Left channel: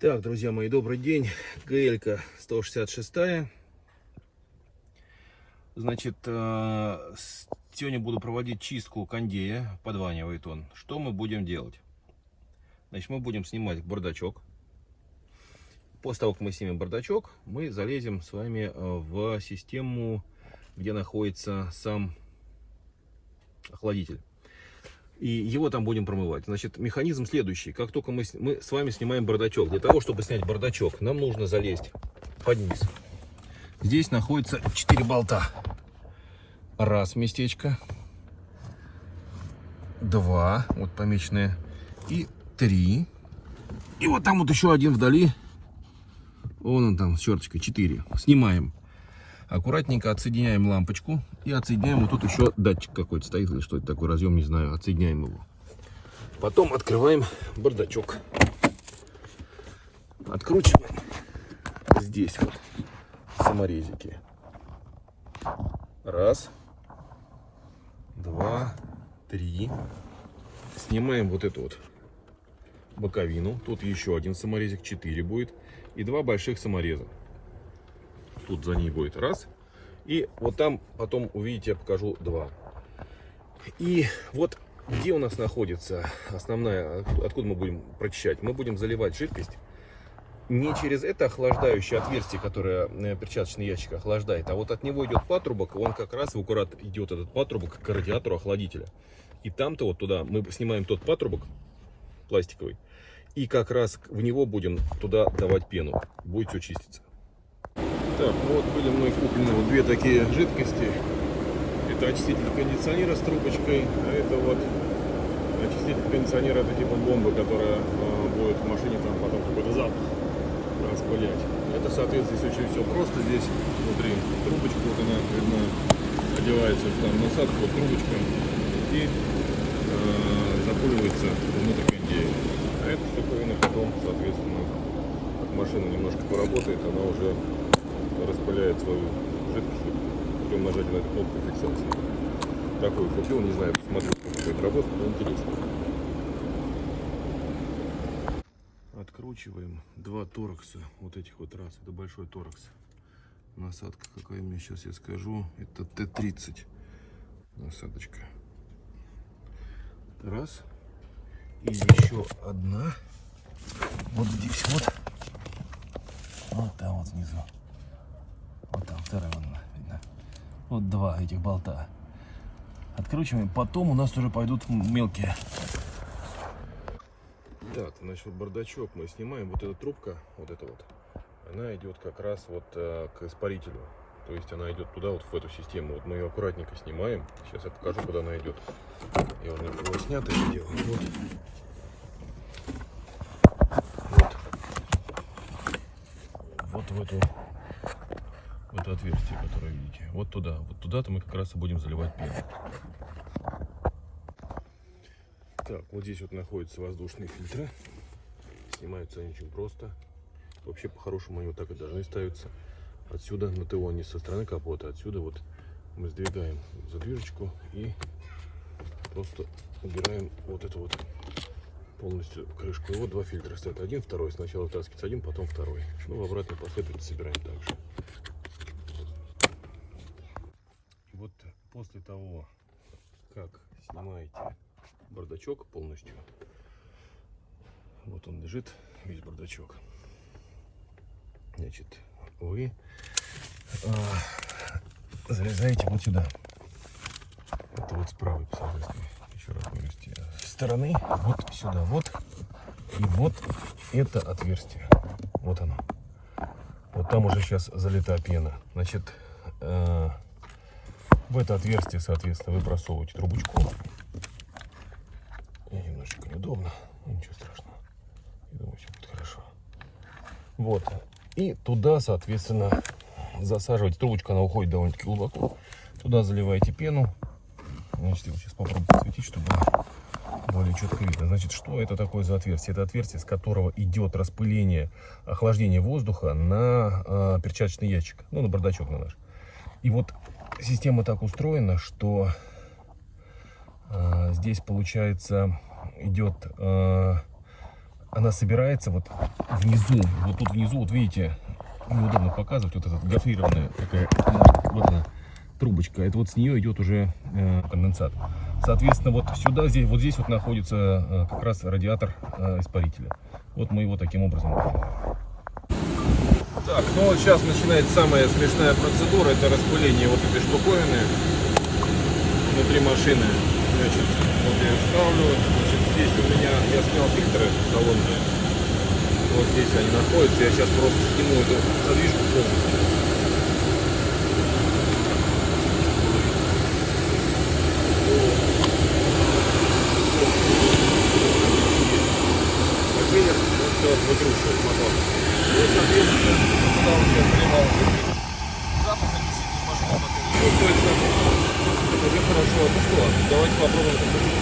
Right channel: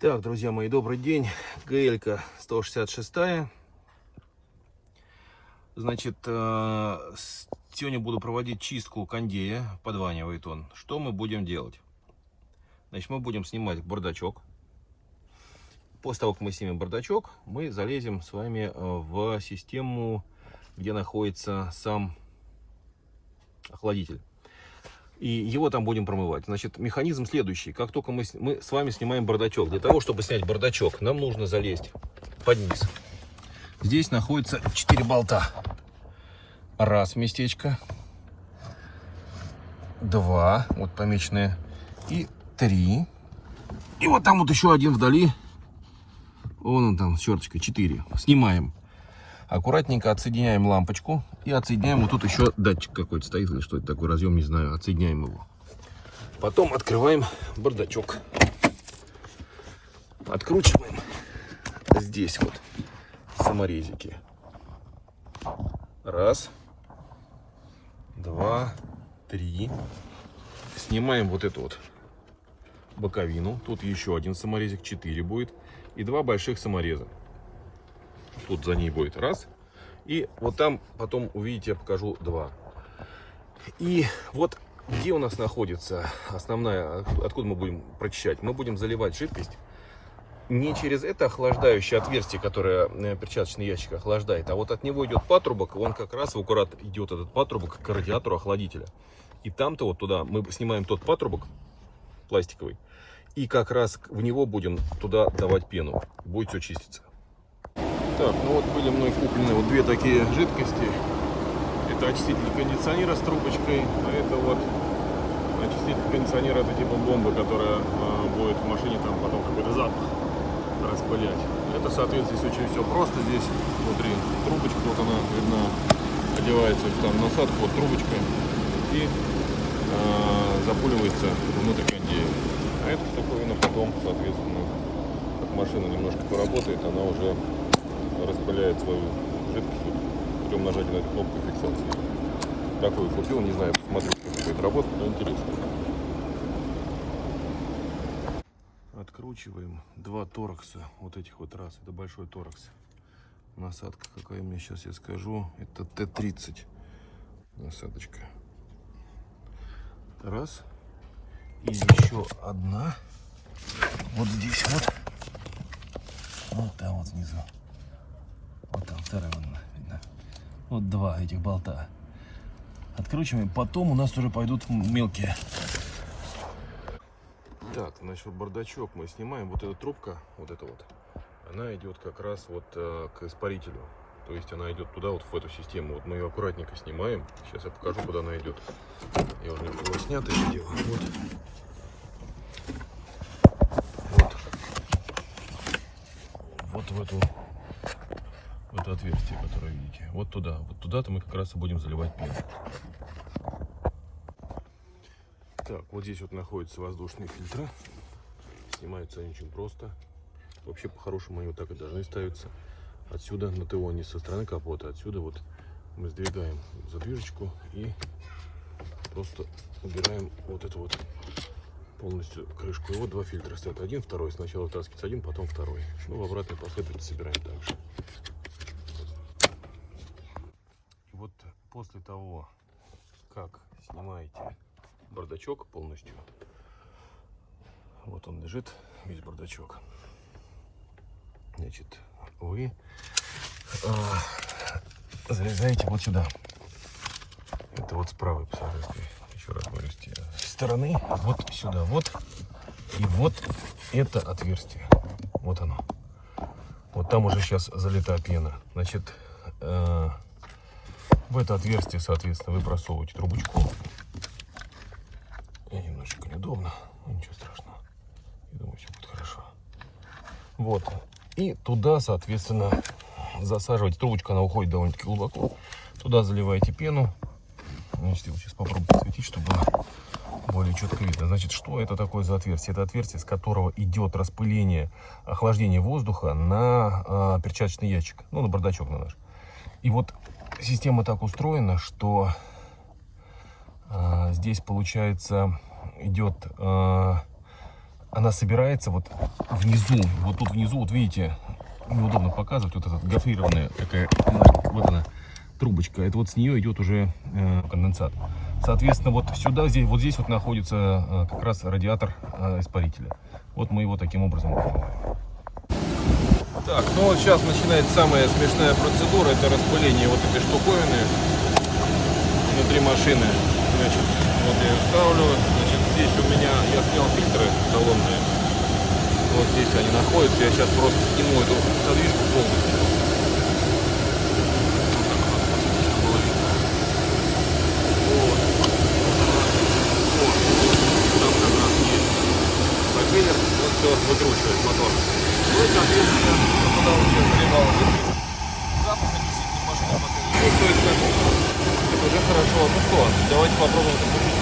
Так, друзья мои, добрый день. ГЛ-ка 166. Значит, сегодня буду проводить чистку кондея. Подванивает он. Что мы будем делать? Значит, мы будем снимать бардачок. После того, как мы снимем бардачок, мы залезем с вами в систему, где находится сам охладитель. И его там будем промывать. Значит, механизм следующий. Как только мы с вами снимаем бардачок, для того, чтобы снять бардачок, нам нужно залезть под низ. Здесь находится 4 болта. Раз местечко. 2, вот помеченные. И 3. И вот там вот еще один вдали. Вон он там с черточкой. 4. Снимаем. Аккуратненько отсоединяем лампочку и отсоединяем. Вот тут еще датчик какой-то стоит, или что это такой, разъем, не знаю. Отсоединяем его. Потом открываем бардачок. Откручиваем. Здесь вот саморезики. 1, 2, 3. Снимаем вот эту вот боковину. Тут еще один саморезик, 4 будет. И 2 больших самореза. Тут за ней будет 1. И вот там потом увидите, я покажу 2. И вот где у нас находится основная, откуда мы будем прочищать. Мы будем заливать жидкость не через это охлаждающее отверстие, которое перчаточный ящик охлаждает, а вот от него идет патрубок. Он как раз в аккурат идет, этот патрубок, к радиатору охладителя. И там-то вот туда мы снимаем тот патрубок пластиковый. И как раз в него будем туда давать пену. Будет все чиститься. Так, ну вот были мной куплены вот 2 такие жидкости. Это очиститель кондиционера с трубочкой, а это вот очиститель кондиционера, это типа бомбы, которая будет в машине там потом какой-то запах распылять. Это, соответственно, здесь очень все просто. Здесь внутри трубочка, вот она видна, одевается там насадка, вот трубочка и запуливается внутрь кондея. А эта штуковина потом, соответственно, как машина немножко поработает, она уже распыляет свою жидкость путем нажатия на эту кнопку фиксации. Такую купил, не знаю, посмотрю, как это работает, но интересно. Откручиваем 2 торкса, вот этих вот раз, это большой торкс. Насадка какая мне сейчас я скажу, это Т-30 насадочка. 1. И еще 1. Вот здесь вот. Вот там вот внизу. Вот там 2 видно. Вот 2 этих болта. Откручиваем. Потом у нас уже пойдут мелкие. Так, значит, бардачок мы снимаем. Вот эта трубка, вот эта вот, она идет как раз вот к испарителю. То есть она идет туда, вот в эту систему. Вот мы ее аккуратненько снимаем. Сейчас я покажу, куда она идет. Я уже его снято это дело. Вот в это отверстие, которое видите. Вот туда-то мы как раз и будем заливать пену. Так, вот здесь вот находятся воздушные фильтры. Снимаются они очень просто. Вообще, по-хорошему, они вот так и должны ставиться. Отсюда на ТО, не со стороны капота. Отсюда вот мы сдвигаем задвижечку и просто убираем вот эту вот полностью крышку. И вот 2 фильтра стоят. 1, 2. Сначала вытаскивается 1, потом 2. Ну, в обратной последовательности собираем также. И вот после того, как снимаете бардачок полностью, вот он лежит, весь бардачок, значит, вы залезаете вот сюда. Это вот с правой, соответственно, еще раз говорю, с стороны, вот сюда, вот. И вот это отверстие. Вот оно. Вот там уже сейчас залита пена. Значит, в это отверстие, соответственно, вы просовываете трубочку. И немножечко неудобно, но ничего страшного. Я думаю, все будет хорошо. Вот. И туда, соответственно, засаживаете. Трубочка, она уходит довольно-таки глубоко. Туда заливаете пену. Сейчас попробую посветить, чтобы было более четко видно. Значит, что это такое за отверстие? Это отверстие, с которого идет распыление, охлаждение воздуха на перчаточный ящик. Ну, на бардачок на наш. И вот система так устроена, что здесь, получается, идет она собирается вот внизу. Вот тут внизу, вот видите, неудобно показывать, вот эта гофрированная такая, вот она, трубочка. Это вот с нее идет уже конденсат. Соответственно, вот сюда, здесь, вот здесь вот находится как раз радиатор испарителя. Вот мы его таким образом делаем. Так, ну вот сейчас начинается самая смешная процедура, это распыление вот этой штуковины внутри машины. Значит, вот я ставлю, значит, здесь у меня, я снял фильтры салонные, вот здесь они находятся, я сейчас просто сниму эту задвинку полностью. Пропеллер, вот все выкручивает мотор. Ну, соответственно, туда у меня заливало запах, чувствуется. Это уже хорошо. Ну что, давайте попробуем запустить.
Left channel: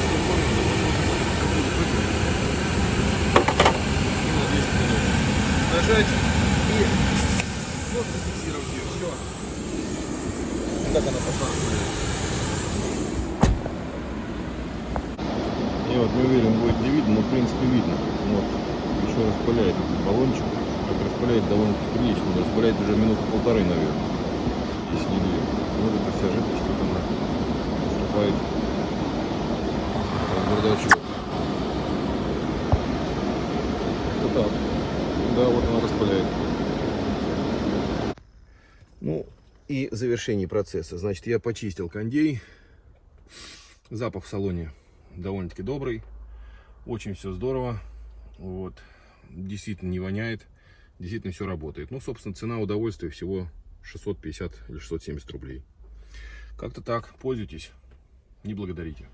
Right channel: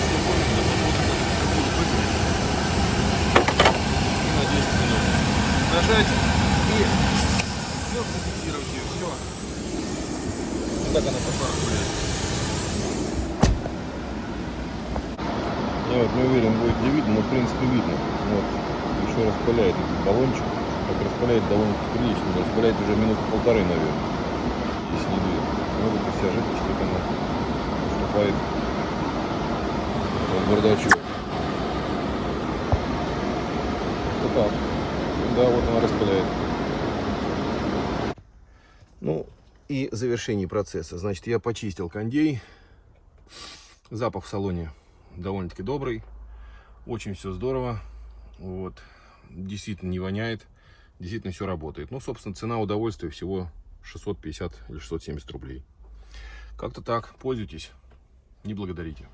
На 10 минут. Нажать и все зафиксировать ее. Все. Как она пошла? Ну, вот мы верим, будет не видно, но в принципе видно. Вот. Еще распыляет этот баллончик. Так распыляет довольно-таки прилично. Распыляет уже минуты полторы, наверное. Если не две. Вот эта вся жидкость, как она поступает в бардачок. Вот так. Да, вот она распыляет. Ну и завершение процесса. Значит, я почистил кондей. Запах в салоне довольно-таки добрый. Очень все здорово. Вот. Действительно не воняет. Действительно все работает. Ну, собственно, цена удовольствия всего 650 или 670 рублей. Как-то так. Пользуйтесь. Не благодарите.